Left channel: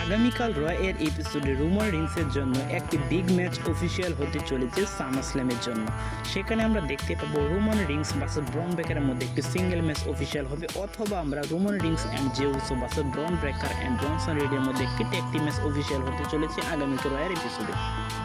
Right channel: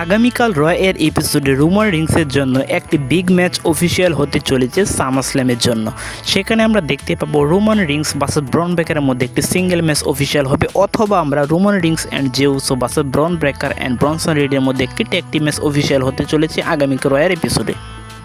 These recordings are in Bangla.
আগামীকাল র এর এপিসোডে রোমান রিংসের জন্য একটি বিগ ম্যাচ অফিসিয়াল হতে চলেছে সামারস্ল্যামের জন্য। সেখানে আমরা দেখতে পাবো রোমান রিংস ভার্সেস ব্রন ব্রেকারের মধ্যে একটি সিঙ্গেল ম্যাচ অফিসিয়াল হবে, অথবা আমরা Roman Reigns and Jey Uso versus Bron Breaker and Bronson রিডের মধ্যে একটি ট্যাগ টিম ম্যাচ অফিসিয়াল হতে চলেছে আগামীকাল র এর এপিসোডে।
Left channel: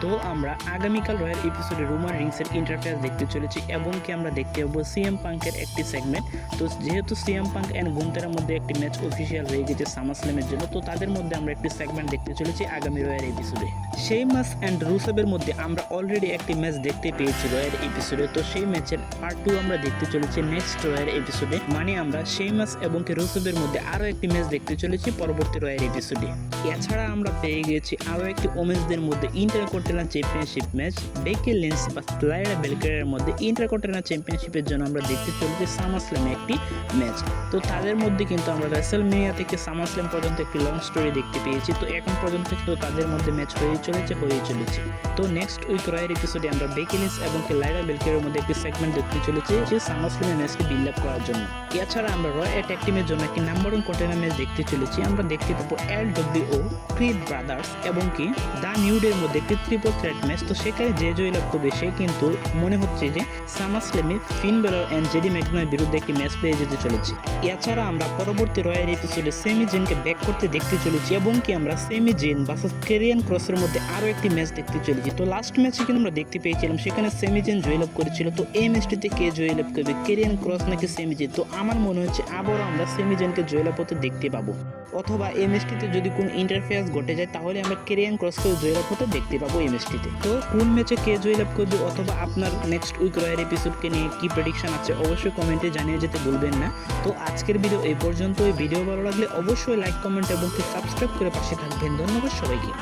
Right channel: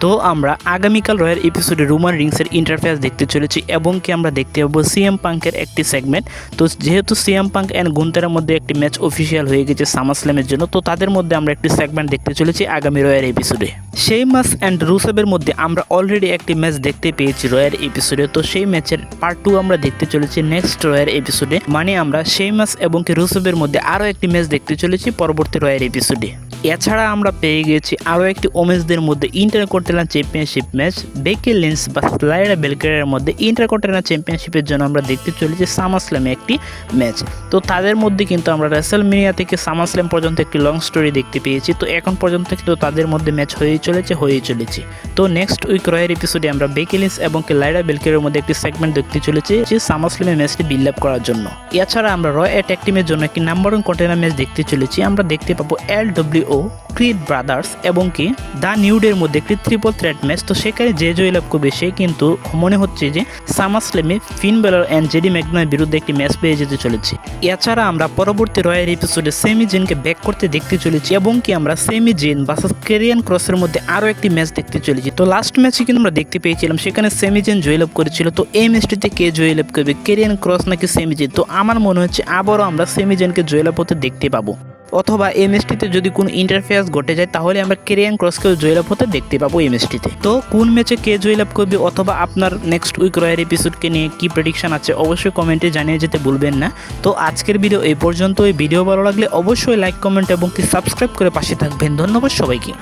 তো আমরা আগামীকাল র এর এপিসোডে রোমান রিংসের ইন্টারফেস দেখতে চলেছি এবং কি আমরা দেখতে পাবো সিএম পাঙ্কের একটি সেগমেন্ট। তো যেহেতু সিএম পাঙ্ক অ্যান্ড গুন্তারের মধ্যে একটি ম্যাচ অফিসিয়াল হয়ে গেছে সামারস্ল্যামের জন্য, তো তাদের মধ্যে আমরা একটি সেগমেন্ট দেখতে চলেছি আগামী র এর এপিসোডে। শেইমাস অ্যান্ড রুসেবের মধ্যে আমরা অলরেডি একটি ম্যাচ দেখতে পেয়েছি র এর এপিসোডে, তো সেই ম্যাচের পার্ট 2 আমরা দেখতে চলেছি নেক্সট র এর এপিসোডে। মানে আমরা শেইমাস এবং কি রুসেবের মধ্যে আরও একটি ম্যাচ দেখতে চলেছি পরবর্তী র এর এপিসোডে। এছাড়া আমরা পেয়ে গেছি আরও একটি ওমেন্সদের মধ্যে ইন্টারকন্টিনেন্টাল চ্যাম্পিয়নশিপ ম্যাচ, বেকি লিঞ্চ বা লাইরা বেলকারের মধ্যে ইন্টারকন্টিনেন্টাল চ্যাম্পিয়নশিপের জন্য আমরা দেখতে চলেছি সামারস্ল্যামে একটি ম্যাচ। তো তাদের মধ্যে কিন্তু আমরা রেসলমেনিয়া থেকে সামারস্ল্যাম পর্যন্ত একটি লং স্টোরি দেখতে পেয়েছি, তো এখন পর্যন্ত কিন্তু তাদের মধ্যে ম্যাচ হয়েই চলেছে। তো নেক্সট উইক র এর এপিসোডে আমরা বেকি লিঞ্চ এবং লাইরা বেলকারের মধ্যে একটি সেগমেন্ট দেখতে চলেছি যে সামারস্ল্যামের ম্যাচটি বিল্ড আপ করার জন্য। এছাড়া আমরা র এর ট্যাগ টিমের জন্য একটি নাম্বার 1 কন্টেনার ম্যাচ দেখতে চলেছি। আমরা দেখতে পাবো LWO, ক্রিড ব্রাদার্স এবং কি দ্য নিউ ডের মধ্যে একটি ট্রিপল থ্রেট ম্যাচ। তো সেখানে যে জয়লাভ করবে সে কিন্তু মনে হচ্ছে যে সামারস্ল্যামে ফিন বেলর অ্যান্ড জেডি ম্যাকডোনাল্ডের বিরুদ্ধে একটি ম্যাচ পেয়ে যেতে চলেছে। এছাড়া আমরা পরবর্তী র এর এপিসোডে সেমি জেনকে ব্যাক করতে দেখতে চলেছি এবং কি আমরা সেমি জেন ভার্সেস কেরিয়ান ক্রসের মধ্যে আরও একটি ম্যাচ দেখতে চলেছি। তো লাস্ট ম্যাচে কিন্তু আমরা দেখতে পেয়েছিলাম সেখানে সেমি জেন জয়লাভ করেছিল। তো এই ম্যাচটিতে কে জয়লাভ করবে, কেরিয়ান ক্রস নাকি সেমি জেন? তো আমার মনে হচ্ছে আবারও আমরা সেমি জেনকে জয়লাভ হতে দেখতে পাবো, অথবা এই ম্যাচটিতে যদি কোনো ইন্টারফেয়ার্স ঘটে যায় তাহলে আমরা কেরিয়ান ক্রসকেও জয়লাভ হতে দেখতে পাবো এই ম্যাচটিতে। তো কোন ম্যাচে কে জয়লাভ করবে অথবা আপনার নেক্সট উইক র এর এপিসোডকে নিয়ে কি প্রেডিকশন আছে অবশ্যই কমেন্টে জানিয়ে যেতে ভুলবেন না। তো আজকের ভিডিও এই পর্যন্ত। এই ভিডিও ভালো লাগলে অবশ্যই লাইক, কমেন্ট এবং কি সাবস্ক্রাইব করে পাশে থাকবেন। ধন্যবাদ সবাইকে।